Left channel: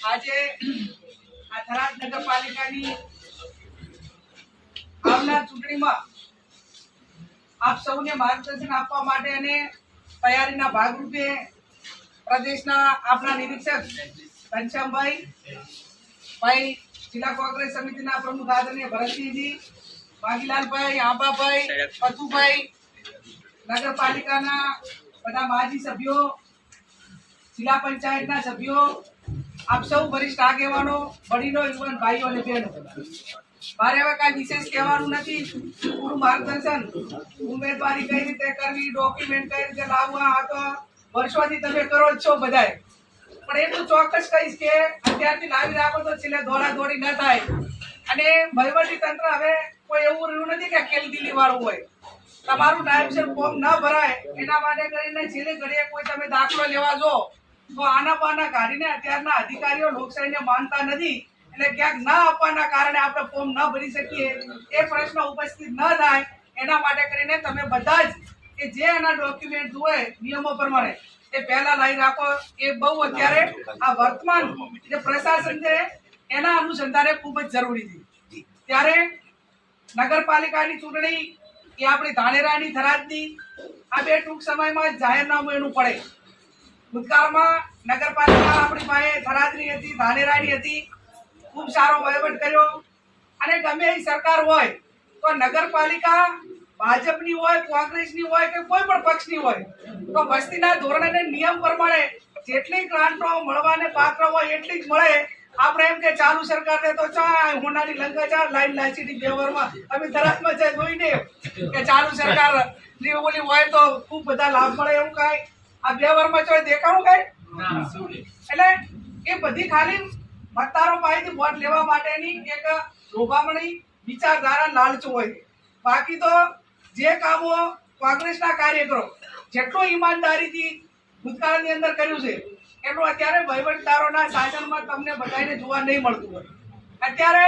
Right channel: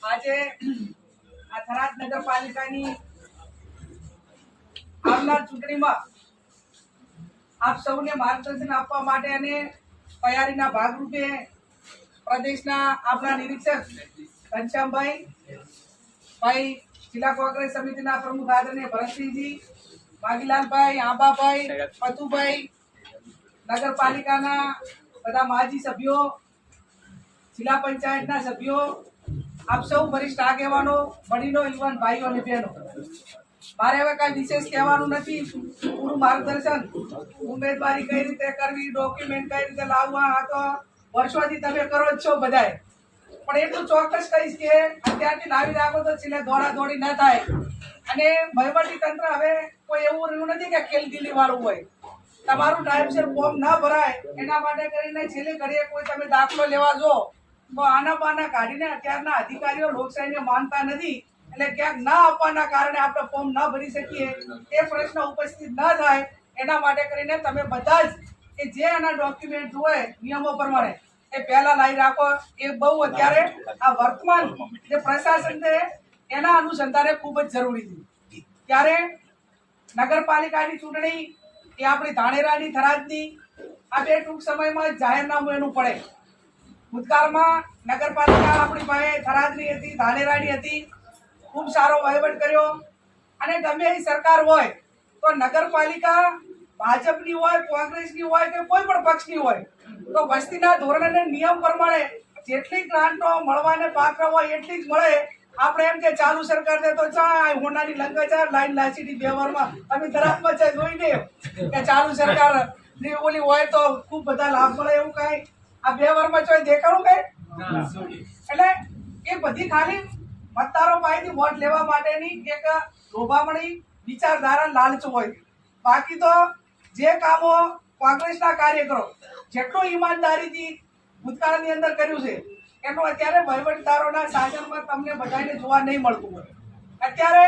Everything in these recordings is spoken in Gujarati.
આજે આ થરાદ નગરપાલિકાની આવનાર ચૂંટણીમાં આપ સૌને માર્ગદર્શન આપવા માટે અને તૈયારીના ભાગરૂપે પ્રદેશના આપણા નિરીક્ષક ઘનશ્યામભાઈ, ભાઈ જિલ્લા કોંગ્રેસ સમિતિના પ્રમુખ આદરણીય ભરતસિંહજી વાગીલાલભાઈ આંબાભાઈ, પતુભાઈ, નગરપાલિકાના બધા માજી સભ્યો, જિલ્લા પંચાયતના સભ્યો આપ સૌ વરિષ્ઠ આગેવાનો, વડીલો, યુવાન ભાઈઓ અને બહેનો. મારે હવે કાંઈ વિશેષ કહેવાનું નથી. પૂરું માર્ગદર્શન ઉમેદવારી કઈ રીતે કરવી ડોક્યુમેન્ટ કઈ રીતે લાવવા, આ તો વર્ષોથી તમે કરો જ છો બધાય. પણ એટલું ચોક્કસ કહીશ કે અત્યારથી લાવી રાખો તો છેલ્લે દોડા દોડી ન થાય. અને વહીવટી તંત્ર હવે કોઈ એવું રહ્યું નથી કે ખેલદિલી વાળું હોય. તમારું ટાઈમસર ફોર્મ ન ભરાય. એના માટે કરીને છેલ્લે ઘડીએ કોઈ તમે દાખલો લેવા જો. તો આના પાના કાઢીને અત્યારના અધિકારીઓ લોકશાહીને માનતા નથી એટલે ક્યાંક ના આપવાના કારણે આપણે ફોર્મ ન ભરી શકીએ. એ પ્રશ્ન ઉપસ્થિત ન થાય. એના માટે કરીને તમે બધા જ કે જે આના ડોક્યુમેન્ટ હોય નિયમો પ્રમાણે, એ પહેલા લાવી રાખો. એ બહુ અત્યારે આ વર્તમાન જે પ્રશાસન છે, એના અનુસંધાને ખૂબ જ જરૂરી છે. ત્યારે નગરપાલિકાની ચૂંટણી એ આપણી ધાણેરાની થરાદની આ બે ટૂંક સમયમાં જાહેરનામું એનું પડે. ભૂતકાળમાં નગરપાલિકા આપણી પાસે થરાદની હતી, ધાનેરાની હતી. ખૂબ સારો વહીવટ કર્યો. અને ગમે એ સરકાર હોય, તો નગરપાલિકા ભાજપની હોય, કોંગ્રેસની હોય કે કોઈ પણ પક્ષની હોય, તો વસ્તીના ધોરણે નિયમ પ્રમાણે જેટલી ગ્રાન્ટો મળવાને પાત્ર હોય એટલી જ મળે. આપણે એમ કે ચાલુ સરકારને તો ચા હોનાની લંકા ચા લાઈન લાચીની બે વારમાં અમે ધરાતમાં જોઈને કે ચાલુ સરકારની ઓલી હોય તો ખૂબ બધા લાભ મળે એવું કાંઈ. આ બે વારમાં ચોય દેખાડું કઈ? એટલે એ બધી ખાલી મતદારો પાસેથી વોટ લેવા માટેની એક લોભામણી વિચારધારા લાલચ હોય. બાકી તો જે કામો કોંગ્રેસના કાર્યકરો જેટલું ઈમાનદારીથી ભૂતકાળની અંદર કર્યું છે એટલું અત્યારે વહીવટદારોના શાસનમાં તમને બધાને જોવા નહીં મળતું હોય. અત્યારે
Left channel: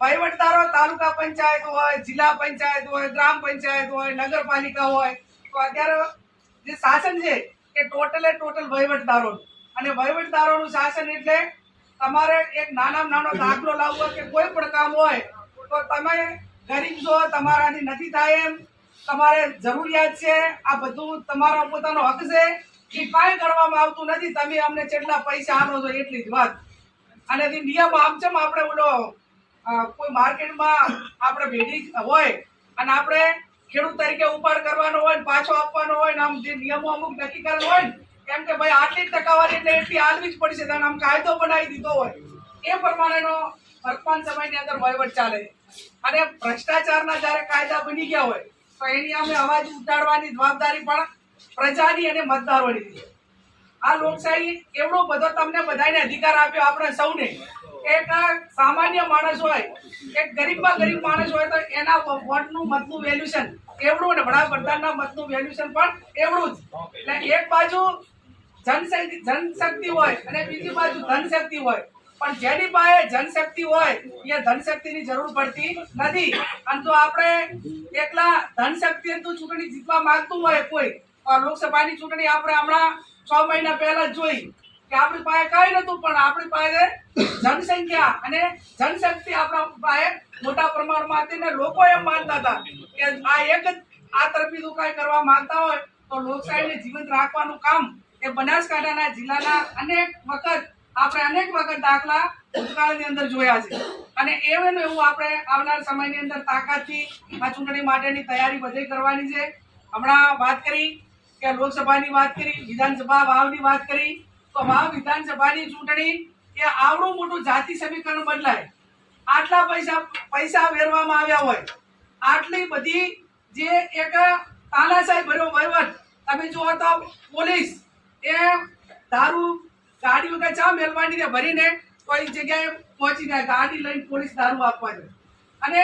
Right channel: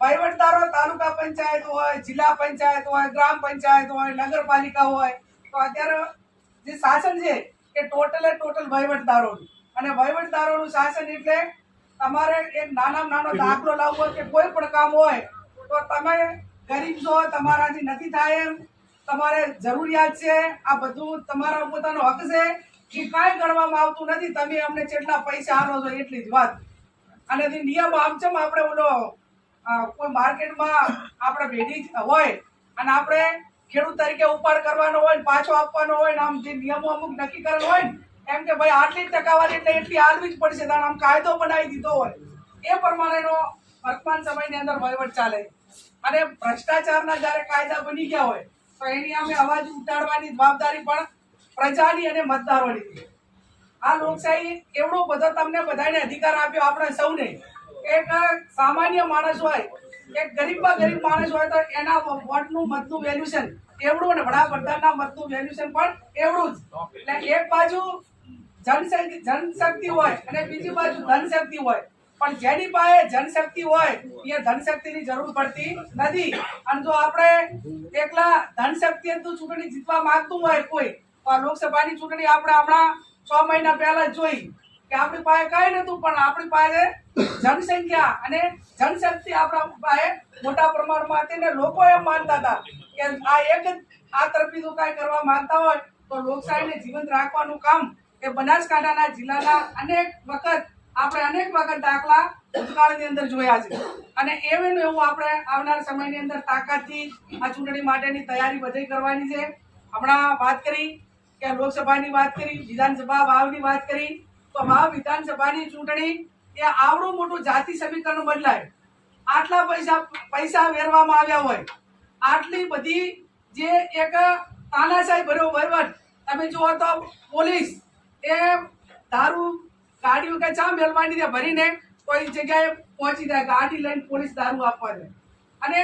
વહીવટદારો તાલુકા પંચાયત હોય જિલ્લા પંચાયત હોય ગ્રામ પંચાયત હોય નગરપાલિકા હોય તો અત્યારે જે શાસન છે, એ ટોટલે ટોટલ વહીવટદારોનું. અને વહીવટદારોનું શાસન એટલે તમારે એક નાનામાં નાનો દાખલો લાવવો કે કોઈ પણ કામ હોય, તો તમે ગરીબ છો, તમારાથી નથી થાય એમ. તમારે જરૂરિયાત છે, આ બધું તમારા પોતાનો હક છે. એ કાંઈ ગણવામાં આવતું નથી, તમે અમને જેટલા પૈસા આપો છો એટલી જ વાત. અને જે નિયમ આમ છે આપણે ઓલો કોઈ માર્કેટમાં આપણે ભેડી હોય, અને આપણે ખેડૂત તરીકે ઉપાડ કરવાનો હોય ને પાછો આપવાનો હોય ને આમ જે નિયમો અમુક નક્કી કરેલ હોય ને, એમ કે ભાઈ આટલી ટકાવારી એટલે એટલી આલવી જ પડશે, તાણે આમ કાયદો બનાવી દીધો હોય. એ પ્રમાણેનો વર્તમાન સમયની અંદર વહીવટ ચાલે અને ભ્રષ્ટાચારના જ્યારે કાયદા બની ગયા હોય, તો એની અમે અવાજ ઉઠાડવાની જવાબદારી પણ પ્રજાની અને મતદારોની આ લોકશાહી એવડો બધો તમને બધાને અધિકાર આપ્યો આપણે સૌને. એક સામાન્ય માણસ હોય, એક ગરીબમાં ગરીબ માણસ હોય તો એના વોટનું મતનું વેલ્યુશન એવડું અને વડાપ્રધાનના મતનું વેલ્યુશન પણ એવડું જ. એટલે એક બાજુ જનશક્તિ જનશક્તિ હોય અને બીજી બાજુ ધનશક્તિ હોય. પણ જેની પાસે જનશક્તિ હોય, એ ધનશક્તિની જરૂર પડતી નથી. અને જો આપણે એકલા ધનશક્તિ ચૂંટણી જીતવા માંગતું હોય કોઈ લોકસભાની ચૂંટણી આપણે હમણાં છ મહિના પહેલા જોઈ. કે આપણી પાસે કઈ નતું, પણ આપણી પાસે જનસંખ્યા અને જનશક્તિ આપણા પાસે મોટા પ્રમાણમાં હતી ને લોકો એમ માનતા હતા કે આ એક જ આ તરફી કાંઈ કરવા માંગતા હોય તો લોકશાહીને જીવંત રાખવાનું કામ એ બનાસકાંઠાના જિલ્લાના અનેક વખત આપણે અનેક વખત દાખલા ભૂતકાળની અંદર જોયા છે. અને એવું એવું આપણે આવનાર સમયની અંદર તાકાતથી આ ચૂંટણી માટેની તૈયારી બધી કરવાની છે. હમણાં વાત કરી કે લોકસભાની વાત કરી, વિધાનસભા વાવની વાત કરી તો વાવ વિધાનસભાની ચૂંટણી એ આવડું મોટું જાતિ સમીકરણ બદલાય. આટલા પૈસા પૈસા વેરવામાં આવ્યા હોય. આટલી બધી જે એક તાનાશાહી ભર્યો વહીવટ, તમે જુઓ તો પોલીસ એ દારૂ ગાડી વગર ચા મેલવાની ને ભરીને કોઈ જગ્યાએ પહોંચી જાય, ગાડી લઈને પોલીસ દારૂ આપવા જાય. અને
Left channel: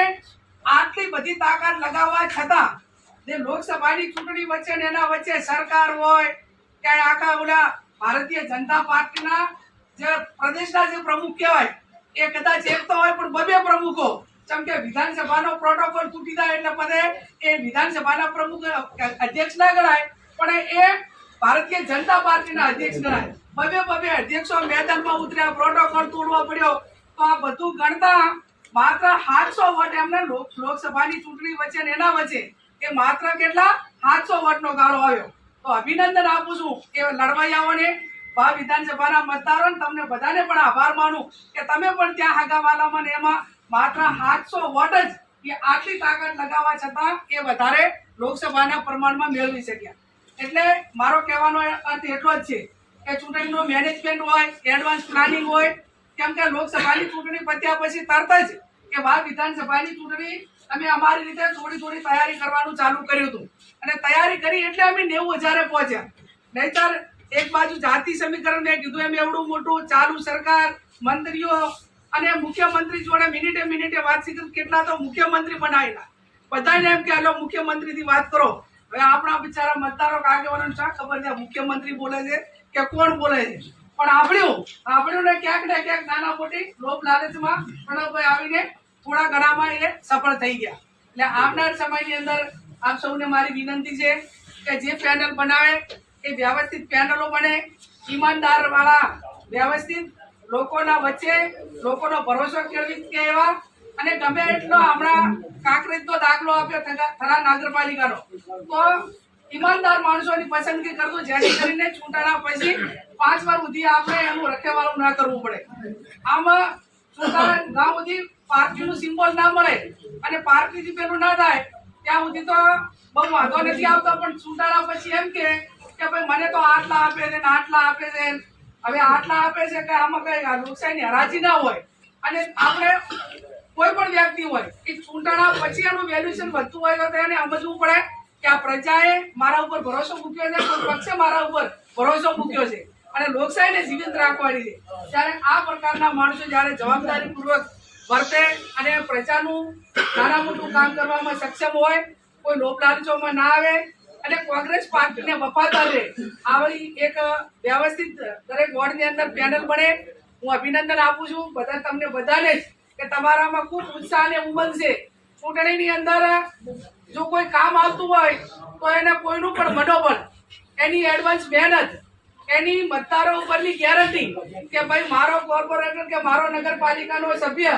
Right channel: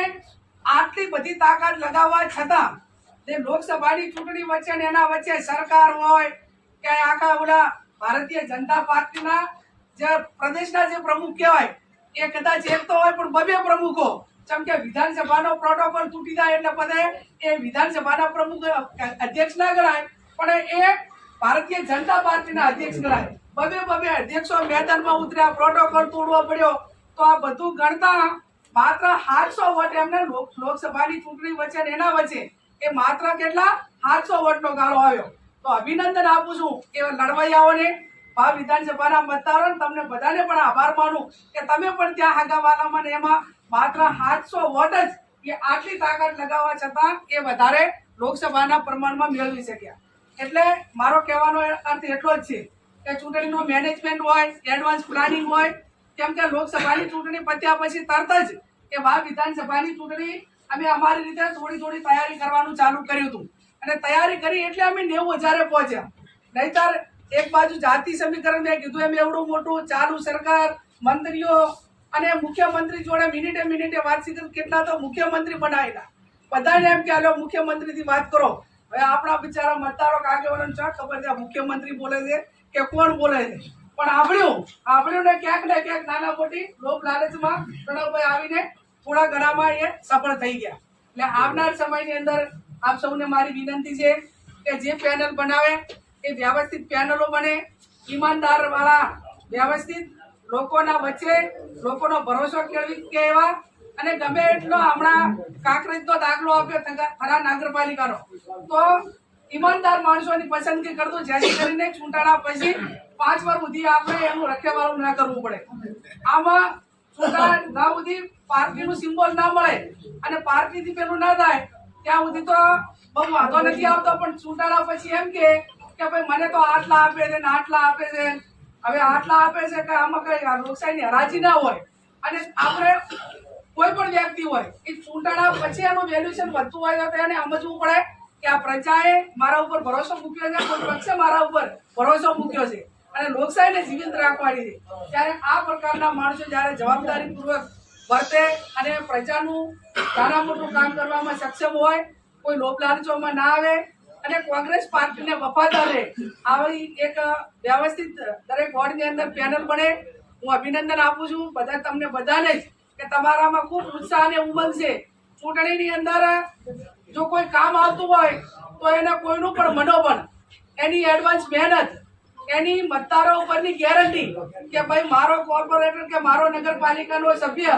આટલી બધી તાકાત લગાવવા છતાં જે લોકસભાની ચૂંટણી વચ્ચે ને એના વચ્ચે સરકાર હોય કે આખા ઓલા ભારતીય જનતા પાર્ટીના જે પ્રદેશના જે પ્રમુખ કહેવાય, એ કદાચ એક તો હોય પણ બબે પ્રમુખો. જેમ કે વિધાનસભાનો પ્રોટોકોલ તૂટી જાય એટલે બધે એ વિધાનસભાના પ્રમુખ અધ્યક્ષ ના ગણાય, પણ એ ભારતીય જનતા પાર્ટીના અધ્યક્ષ ગણાય. બબે બબે અધ્યક્ષો મેદાનમાં ઉતર્યા પ્રોટોકોલ તોડવો પડ્યો. તો આ બધું ગણતા માત્ર સાતસો વોટ એમને લોક- લોકસભાની ચૂંટણી વચ્ચે એના વચ્ચે, એ માત્ર કેટલા? સાતસો વોટનો ગાળો આવ્યો. તો અભિનંદન આપું છું કે લડવૈયાઓને ભા વિધાનસભાના મતદારો તમને બધાને પણ આભાર માનું કે તમે પણ ત્યાં આગાવાલામાં ને એમાં માત્ર સાતસો વોટ જ એ આટલી તાકાત લગાવવા છતાં એ વધારે લોકસભાના પ્રમાણમાં મેળવી શક્યા. એટલે મારો કહેવાનો અર્થ એટલો જ છે કે ચૂંટણીનું મેનેજમેન્ટ હોય એડવાન્સ પ્લાનિંગ હોય, કેમ કે લોકસભાની ચૂંટણી પત્યા પછી તરત જ કે વા વિધાનસભાની ચૂંટણી અમે અમારી રીતે થોડી થોડી તૈયારી કરવાનું ચાલુ કર્યું હતું. અને તૈયારી કરી એટલે અમે નેવું હજારે પહોંચ્યા. નહીતર એક બાજુ જાતિ સમીકરણ મેં કીધું એમ એવડું મોટું, ચાલુ સરકાર, મંત્રીઓ અને મુખ્યમંત્રી જોડે મિનિટે મિનિટે વાત કરી. કેટલા તો મુખ્યમંત્રી બનાવેલા બધાને એમ કે, હાલો, મુખ્યમંત્રીથી વાત કરો. હવે આપણા બિચારા મતદારો કાગેવાળાને શા ખબર છે? મુખ્યમંત્રી બોલે છે કે કોણ બોલે છે? પણ આપણું આપણું ને ક્યાંક ને ક્યાંક નાના મોટી લોભ લાલચમાં પ્રણવભાઈ આવીને થોડા ઘણામાં એ સફળ થઈ ગયા. એટલે આવનાર સમયની અંદર આપ સૌને મારી વિનંતી છે કે જે પેનલ બનાવે એ વ્યવસ્થિત પેનલો બને. ઈમાનદાર વાળા વ્યવસ્થિત લોકોના વચ્ચે લોકોનો ભરોસો કેળવી કે એવા અને ગમે એટલો હમણાં કાંકરેજનો દાખલો આપ્યો થરા નગરપાલિકાનો. તો ઈમાનદાર માણસોની પસંદગી કરતો, જેથી કરીને ચૂંટણા પછી પાંચ વાર સુધી આપણે એનું રખેવાળું ના કરવું પડે. આમાં ચૂંટણા ના સુધી પાર્ટીનું સિમ્બોલ ના મળે અને પાર્ટીથી પેલું ના થાય ત્યાં સુધી તો બહુ વાંધો નથી આવતો, પણ ચૂંટણા પછી એમ કે ભાઈ મને તો આટલા આપે છે ને આટલા આપે છે. હવે આટલા આપે છે કે આમાં કઈ લોકશાહીની હરાજી ના હોય. અને આપણે કોઈ પણ વ્યક્તિ હોય, એ ચૂંટાણા પછી એનું વેલ્યુએશન વધતું હોય તો એને સમજવું પડે કે આ પ્રજાએ મારા ઉપર ભરોસો મૂક્યો છે, કોઈ પક્ષે મારા ઉપર ભરોસો મૂક્યો છે. અને લોકશાહીને જીવંત રાખવાની છે. ત્યારે આ પ્રકારના માણસો જ્યારે જવાબદારીપૂર્વક વર્તે અને પ્રજાનું નાના મોટું કામ કરવામાં સક્ષમ હોય, કોઈ લોભ લાલચોમાં ના આવે અને કોંગ્રેસ પાર્ટીને વફાદાર આવી એક વ્યવસ્થિત દરેક વોર્ડની અંદર પેનલ બને. હું અભિનંદન આપું છું બધા તમને બધાને જ કે તમારામાં ખૂબ ઉત્સાહ અને ઉમંગ છે. ચૂંટણીની અંદર જો કોઈ કામ આવતું હોય તો એને કોઈનું પણ મનોબળ, એની એડવાન્સ મહેનત, એની મતદારો ઉપરની ગેરંટી કે ભાઈ મારો કોર્પોરેટર કે મારો નગરપાલિકાનો સભ્ય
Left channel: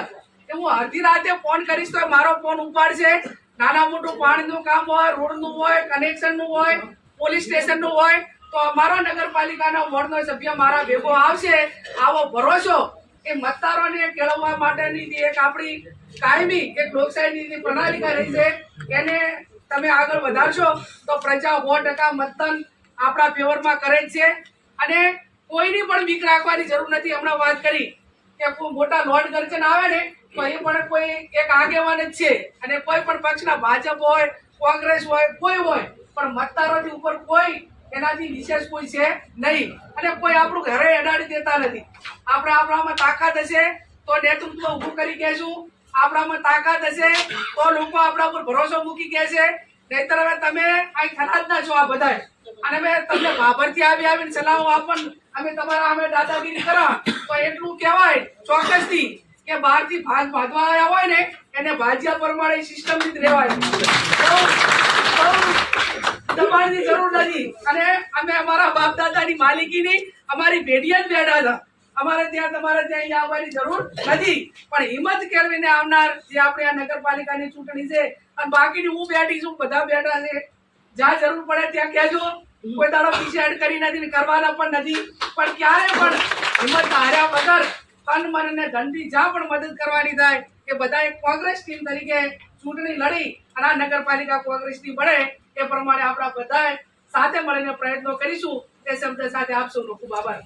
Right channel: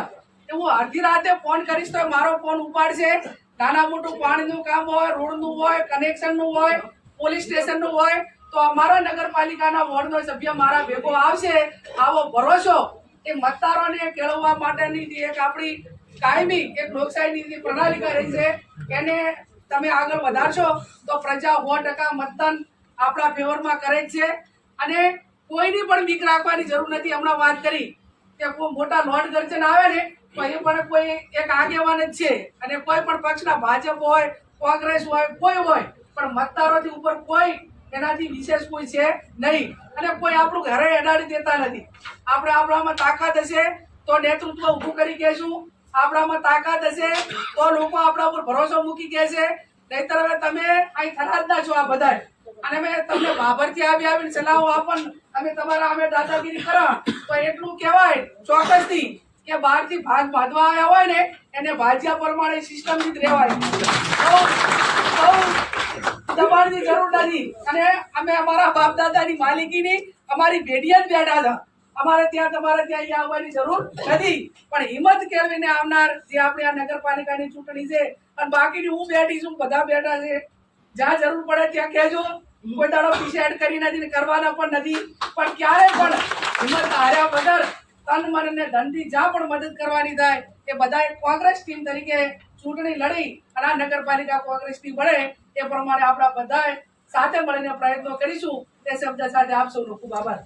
એ હું અડધી રાતે ફોન કરીશ તો મારો ફોન ઉપાડશે. નાના મોટું પાણીનું કામ હોય, રોડનું હોય કનેક્શનનું હોય પોલીસ સ્ટેશનનું હોય, તો અમારા નગરપાલિકાના વોર્ડનો સભ્ય મારા ભેગો આવશે. આવો ભરોસો એ મતદારોને કેળવવા માટેની એક આપણી કાયમી એક લોકશાહીની જે પ્રણાલિકા રહી છે, એને તમે આગળ વધારશો તો પ્રજા સો ટકા મતદાન આપણા ફેવરમાં કરે જ છે. અને કોઈની પણ બીક રાખવાની જરૂર નથી. હમણાં વાત કરી કે મોટા લોર્ડ ગર્જન આવે ને એ પણ કોઈ એક આગેવાન જ છે. અને કોઈ પણ પક્ષના ભાજપ હોય, કોંગ્રેસ હોય, કોઈ હોય, પણ મતદારોથી ઉપર કોઈ એનાથી વિશેષ કોઈ છે નહીં. અને કોઈ આપણું ઘરે એડાડી દેતા નથી. આપણે આપણામાં તાકાત હશે તો નેતૃત્વ ઊભું કરી કહેશું. આપણામાં તાકાત હશે તો લોકો આપણા ઉપર ભરોસો મૂકી કહેશે. નહીતર હવે તમે અહીં થરાદના છો આ બધા અને અમે તમને બાબરથી આવી આવીને સલાહો આપણ અમે તમારા અમે દાદાગીરી કરા તો એટલું કહેવાય ચોક્કસથી. કે બહારથી ભાગ ભાગવા આવ્યા હોય ને, એને ભાજ્યા પ્રમાણે સિસ્ટમથી જ રહેવાય. બહુ જરૂર નથી. અને અમે અમારા બાપ દાદાની માલિકીની અમારી ભેડિયા જ બેઠા હતા. અમારે ત્યાં, તમારે ત્યાં અહીંયા આવવાની જરૂર નથી. પણ હિંમત કેળવીને આવનાર જે આપણે આ નગરપાલિકાની ચૂંટણી છે, અને બાકીની હું બેઠી છું, બધા બેઠા છે. જ્યાં જરૂર પડે ત્યાં કહેજો. કોઈ દાડો એડ કરી નથી કરવાના પણ નથી. પણ ક્યારે પણ હિંમત હાર્યા વગર તન મન ને ધનથી જ્યાં પણ મદદ કરવાની થાય એ બધાએ કોંગ્રેસ ટીમ તરીકે ચૂંટણી લડી અને આ નગરપાલિકા કોંગ્રેસની બને એ પ્રમાણે આપણા બધાએ સાથે મળીને પ્રયત્નો કરીશું. એ શબ્દ સાથે આપ સૌનો ખૂબ આભાર.